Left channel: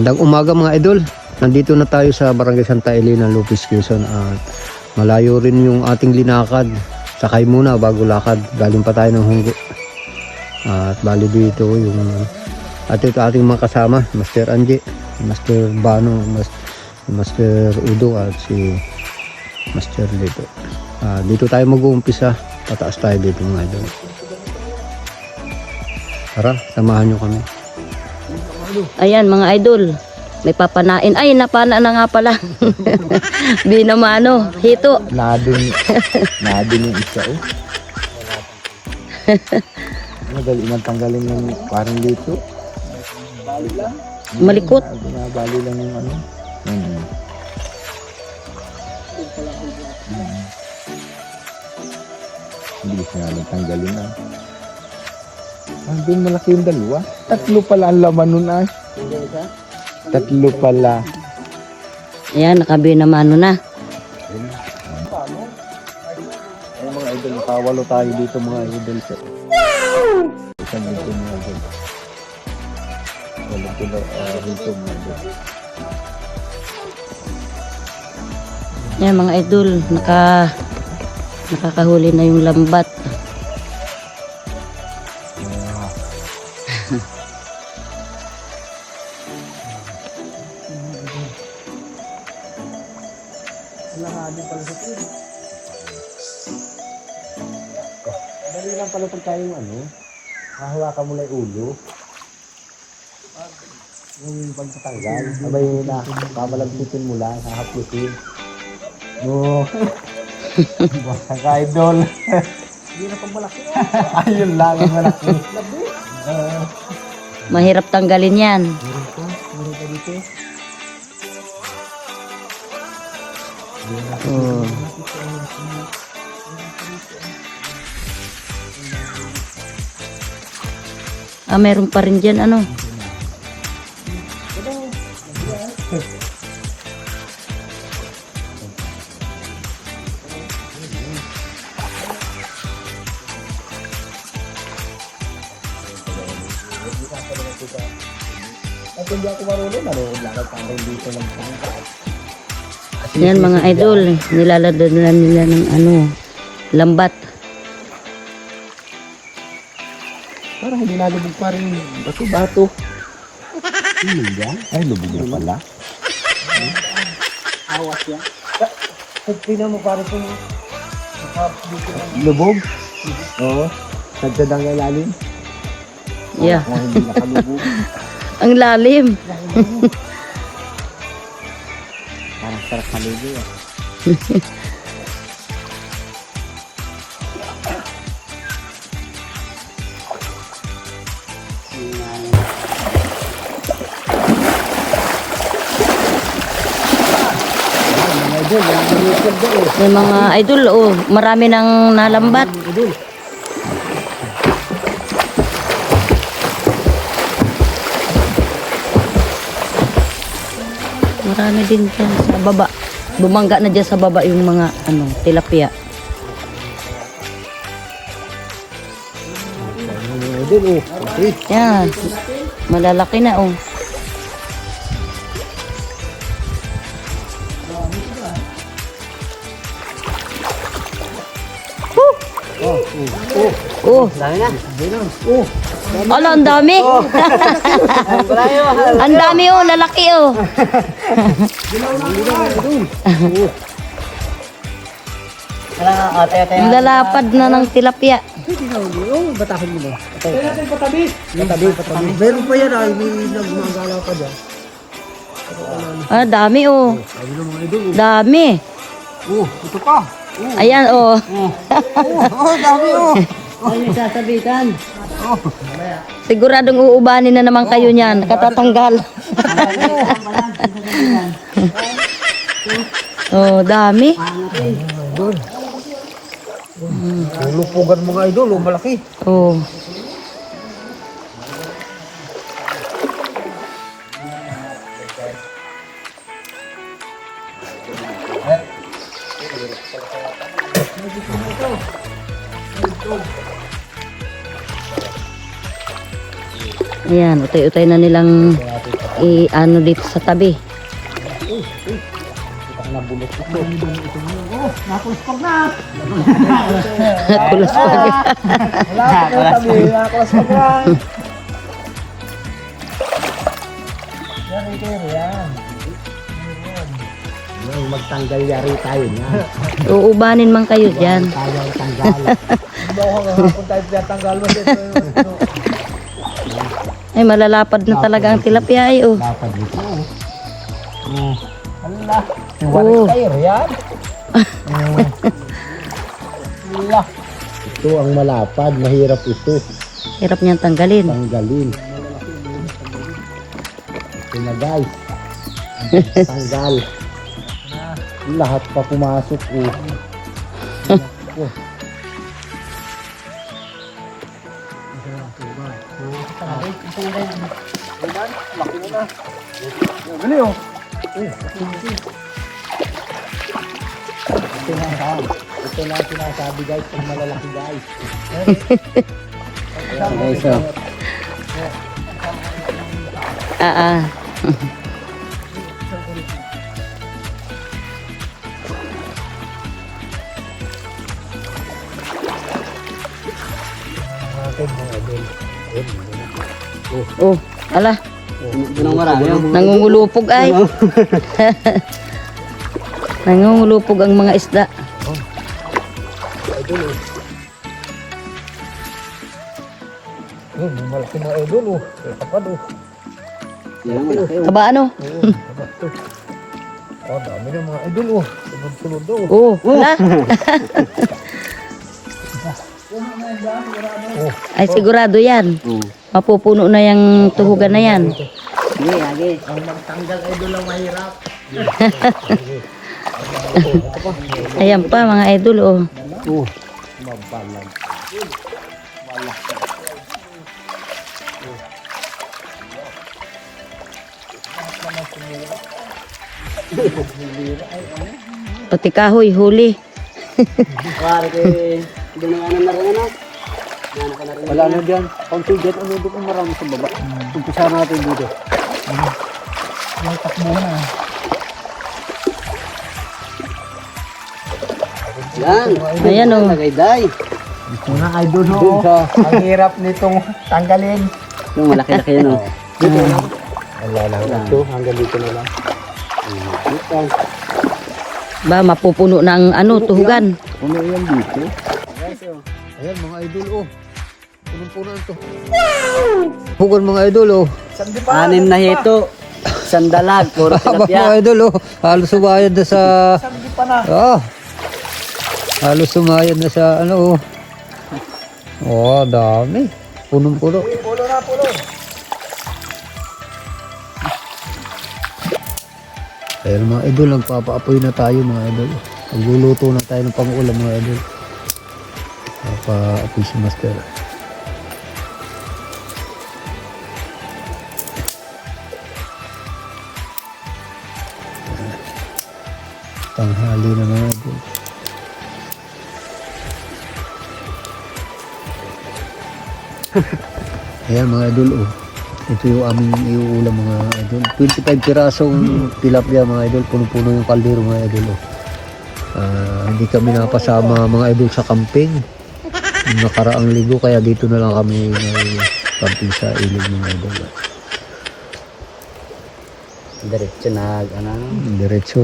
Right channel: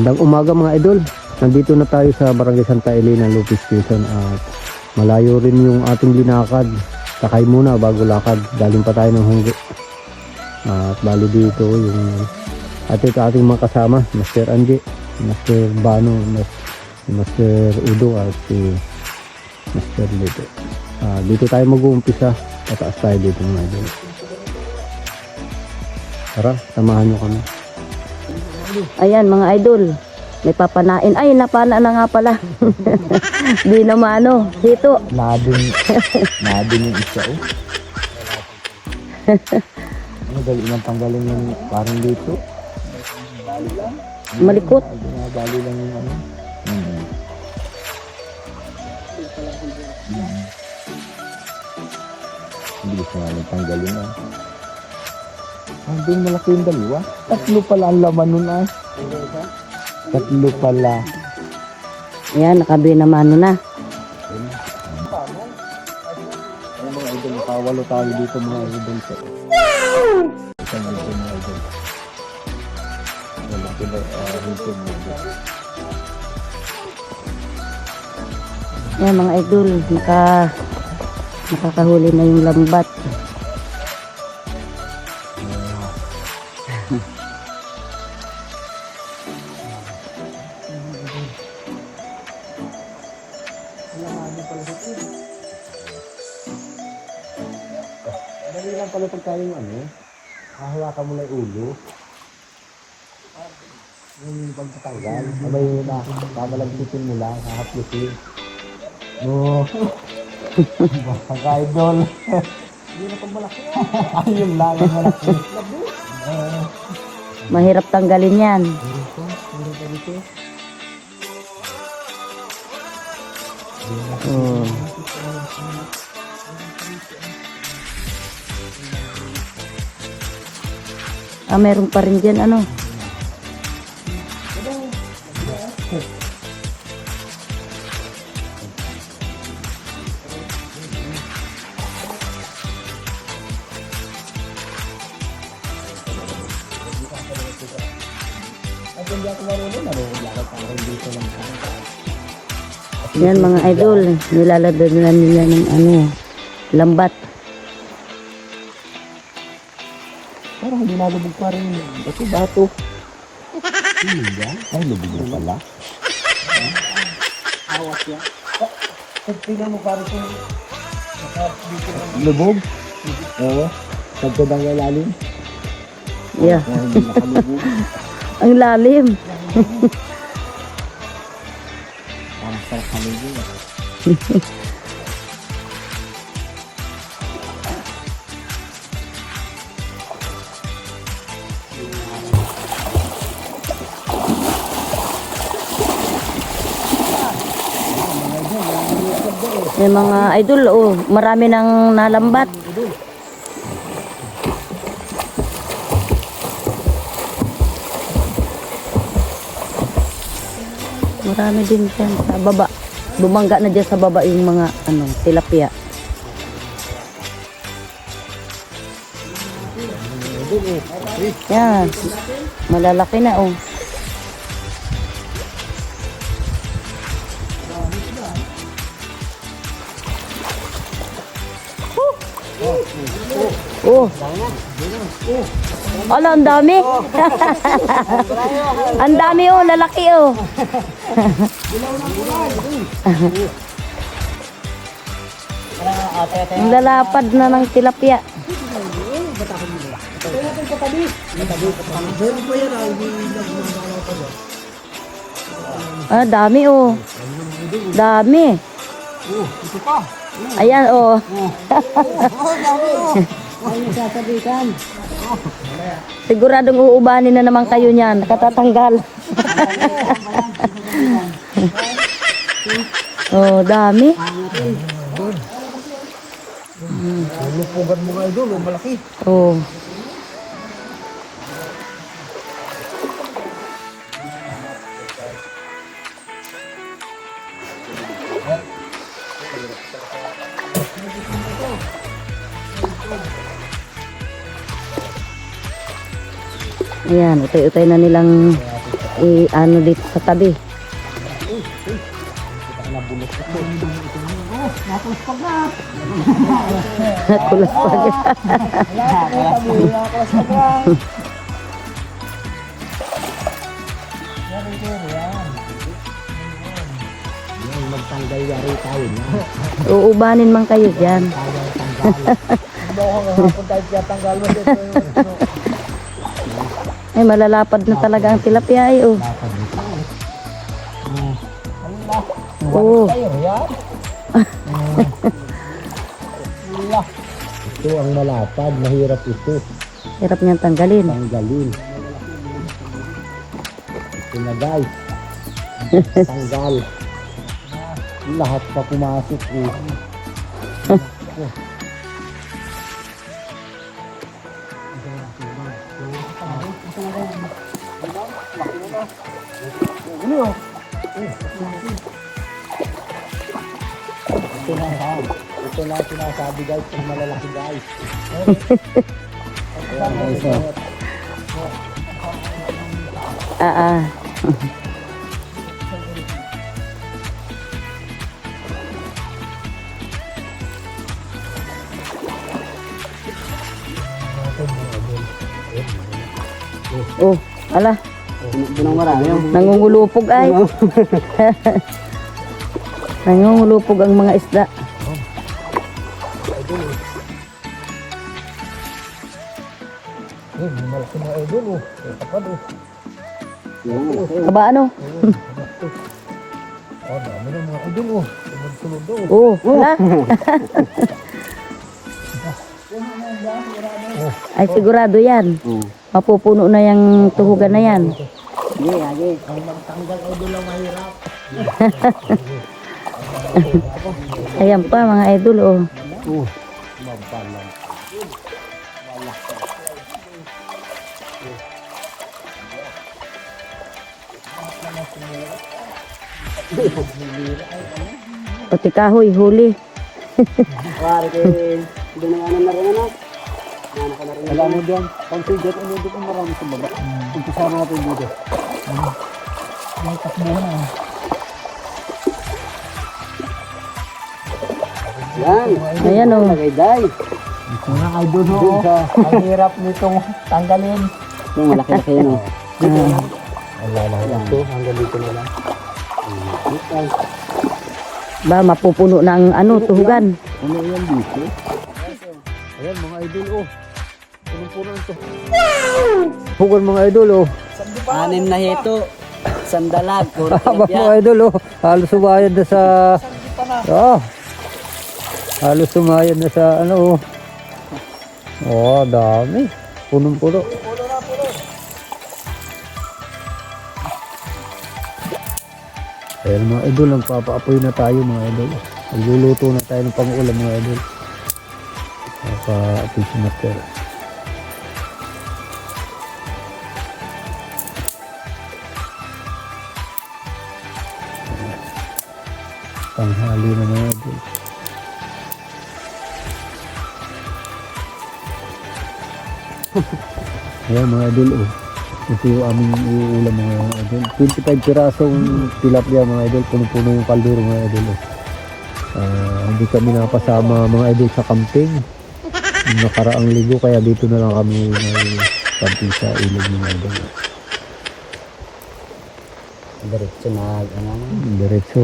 Magandang umaga mga idol. Nandito na tayo sa Barangay Santa Elena, Lopez, Quezon. At malayo rin yung ating linakad. Sakay muna bago lakad. Galing pa tayo ng Hunggo. At bali dito yung ating mga kasama. Master Angie, Master Bano, Master Udo at si Master dito. Dito tayo mag-uumpisa. Pataas tayo dito mga idol. Tara, samahan nyo kami. Ayan mga idol, may papanain. Ay, napana na nga pala. Di naman ano, hito. Nadin yung isa eh. Madali nang tanggalin yung parang dito. Malikot. Bali lang yung ano. Bilis na nga tanggalin ah. Doon malaki yung dalawa. Tatlo pala ang laman nun ay. Tatlo pala. Ayan, nakabi naman ano na. Ay mga idol, nakawalo tayo dito mga idol. Isang dito mga idol. Walang pala dito mga idol. Ayan mga idol, nakakahuli na yung lambat. Dali lang pala pag tayong ano, hahawakan mo lang yung ulo. Yung pagtatanggal, abay na, pamalagpitin mo lang, hahaplusin. No. Basang ka-idol. Hindi na pang malaki. Ayun lang, ang malaki. Mahirap tanggalin yan. Meron pa dito. Oh. Meron pa rin dyan ano. At hindi ako marunong, lakad tanggal dito lang. Yan mga idol, nilalagyan nila ng ano, lambat. Parang hindi nalubog pa rin. Bato-bato. Hindi ba? Ay, lubog na pala. Awas yan. Tingnan mo parang itong lubog? Oo. Sagda ng lalim. Yeah. Hindi nakalubog. Ang lalim. Parang sarap kalubog. Yung mga idol, oh, marami nang nalambat. Marami din dyan sa baba. Bumangga na dyan sa baba yung mga ano, tilapia. Yan, malalaki na oh. Oh, ala, ang dami. Ang dami oh, lalaki oh. Lalapad na ng tilapia. Batahon mo na. Patabi. Meron pa yan ah, hindi gumagalaw pa dyan. Dami oh. Dami. Oh, ito pa. Ayan oh. Dami oh. Ano sasabitan? Siguradong uubanin na naman kayo niyan. Katatanggal. Oh, dami. Lulupugan mo nga idol, malaki. Oh. Ayan, utay-utay na nilang i-ano dito sa tabi. Nabulot ito. Nakuspag na. Kulas pa. Wala ko na tabi. Nakuspag na. Yan, yan. Yung magtanggal yari tayo na. Uubanin man kayo dyan. Tayo tanggal. Hindi ako hapon tayo tiyatanggal mo dito. Ay, malalapad na talaga ang tilapia ay, oh. Dapat dito. Allah. Oh. Tayo yan. Allah. Ito ang malapad. Mahirap ito. Hirap niyang tanggalin. Tanggalin. Ito na guys. Tanggal. Lahat pa pumasok. Gali oh. Ito na sinasabi guys. Pag malalaki guys. Ayan guys. Ah. Oh, ala. Nangungulupog ay. Nangungulupog ang mga isda. Malaki na idol oh. Kapad oh. Aba ano? Oh, dami na mga idol oh. Sunod-sunod oh. Oh, ala. Ay sigurado yan. Mapupuno na yung tuhugan na yan. Ang magtanggal idol ang mahirap. Ayan pa mga idol, oh. Mabalang. Pati kahoy, huli. Wala na dyan. Pang sugat, ano doon ang marami sa baba. Umpisa natin dito. May takbo na. Ayan, oh. Ito na idol oh. Ang hirap nitong tanggalin. Yung malaki-laki yan, oh. Wala lang. Ito, hanggang dito na lang. Ba, mapupuno na ang ano, tuhugan. Ano yan dito? Ayan mga idol oh. Punong-puno ito. Pugon mga idol oh. 6 na hito. Sandalag, puro Aba tilapia. mga idol oh. Halos sumayad na sa... Sardi pa na. Halos sumayad na sa ano oh. Oh, dami. Punong-puno. Pulo na pulo. Ayan mga idol, nagpapaapoy na tayo mga idol. Nagluluto na tayo ng pang-ulam mga idol. Nagpa-apoy si Master. Tanghali na mga idol. Ayan mga idol oh. Ito yung aming iuulam mga idol. 25 pirasong tilapia mga idol. Puno-puno yung kaldero mga idol. Hindi kami napasama mga idol sa camping. Yung nakaraang ligo kaya dito na lang kami camping sa ilog mga idol. Diretso nag, ano? Diretso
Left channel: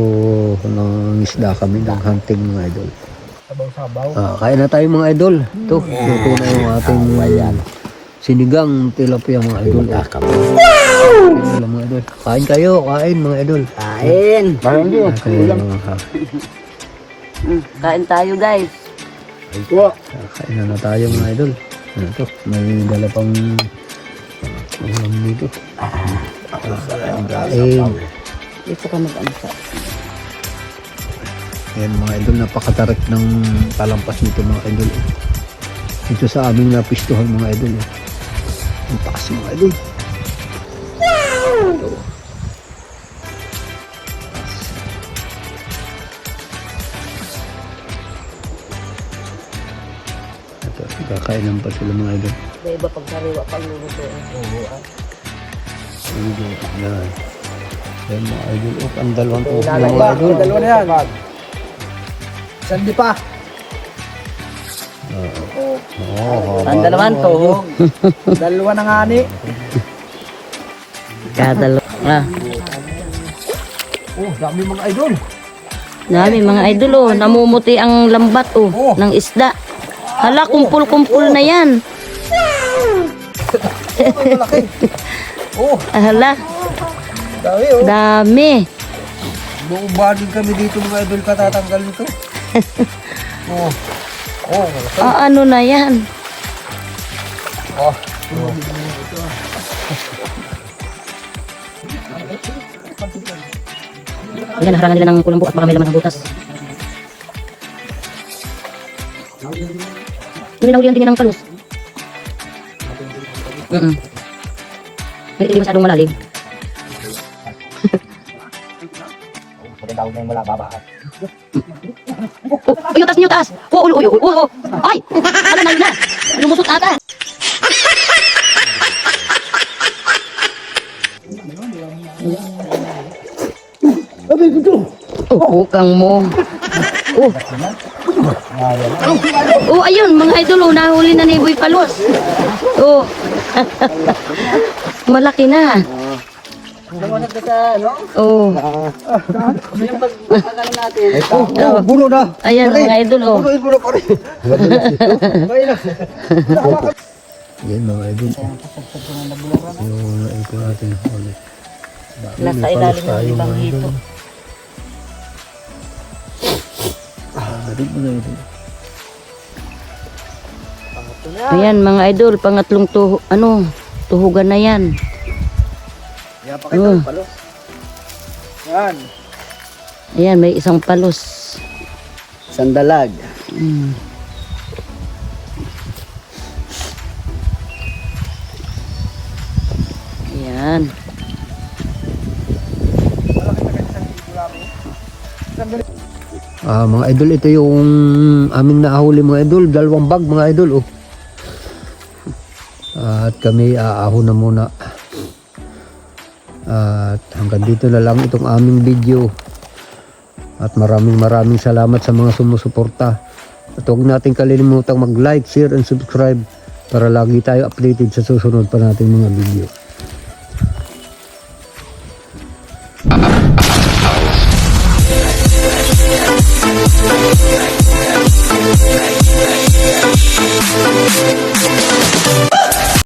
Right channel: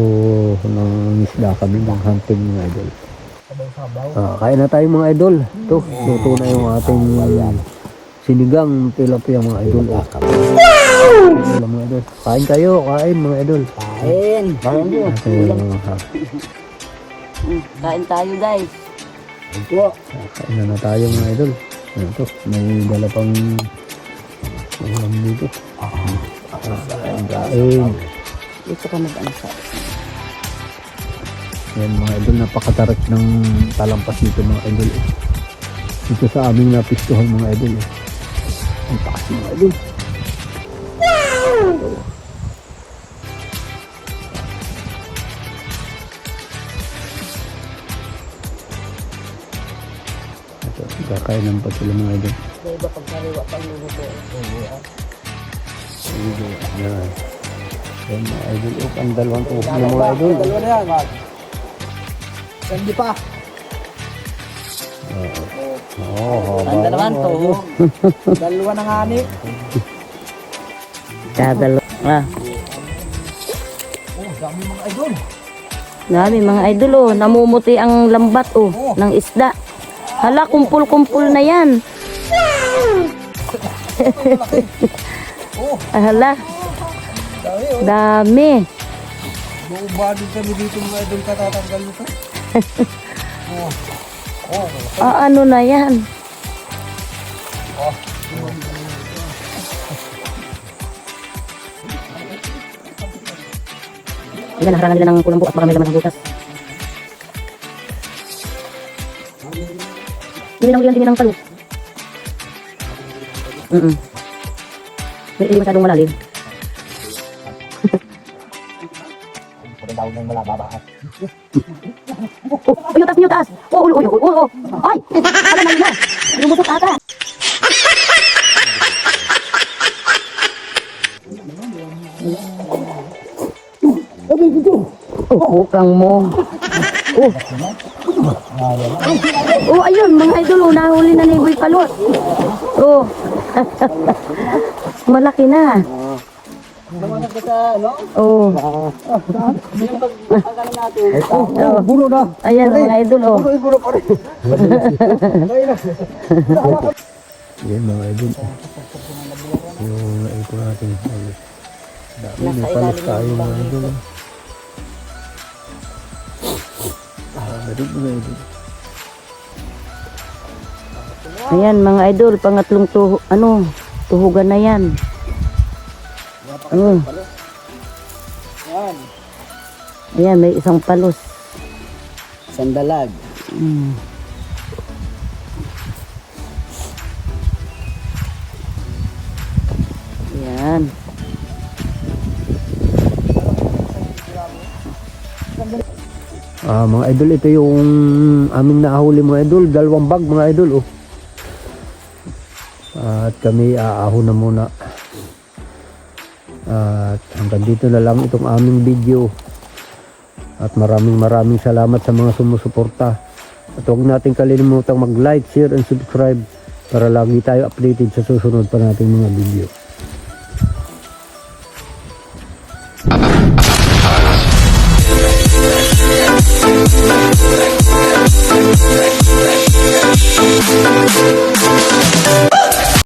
ng isda kami ng hunting mga idol. Sabaw-sabaw. Kain na tayo mga idol. Ito, luto na yung ating sinigang tilapia mga idol. Mga idol. Kain kayo, kain mga idol. Kain! Kain kayo. Kain tayo, guys. Kain na tayo mga idol. Ito, may dala pang ulam dito. Kain. Dito ka mag-ansa. Ayan mga idol, napakatarik ng talampas nito mga idol. Ito sa aming napistuhan mga idol. Ang taas mga idol. Ito, kakainin pa sila mga idol. May iba pag sariwa pang luluto. Yan. Yan mga idol. Oh, ang dalawang to. Ilalagay Mga pa. idol. Dalawa na yan. Sandi pa. Oo, Ang dalawang tuhog. Dalawa na nga ni. Kadalo. Ah, Oh, dami mga idol. dami mga idol oh. Namumuti ang lambat oh, ng isda. Hala, kumpul-kumpul na yan. Oh, malaki. Oh, Hala, dami oh. dami. Buubadin kami dito mga idol katatanggal nito. Oh. Oh, malaki. Ah, ano na yan? Oh. Ayan, naharangan nila ng kulambo at marami laman ng butas. Hindi na huli ang tingin ng palos. Hindi masyadong malalim. Ay, yung taas niyo, taas! Oo! Ay! Ano na yun? Lumusot ata! Kang mo. Oh, ayun, mga idol, nahuli na ni Boy Palos. Oh. Malaki na. Lumusot ka sa ano? Oh. Yung pagkakalan natin. Oh, bulo na. Ayan, mga idol, oh. Bulo pa rin. Yan mga idol. So, ito natin. Nasa ilalim ng ibang hito. Ayan, mga idol, pangatlong tuhugan na yan. Yan, pakita yung palos. Yan. Ayan, may isang palos. Sandalag. Mm. Ayan. Mga idol, ito yung aming nahuli mga idol. 2 bag mga idol. Oh. At kami aahon na muna. At hanggang dito na lang itong aming video. At maraming salamat sa mga sumusuporta. At huwag natin kalilimutang mag-like, share, and subscribe para lagi tayo updated sa susunod pa nating mga video.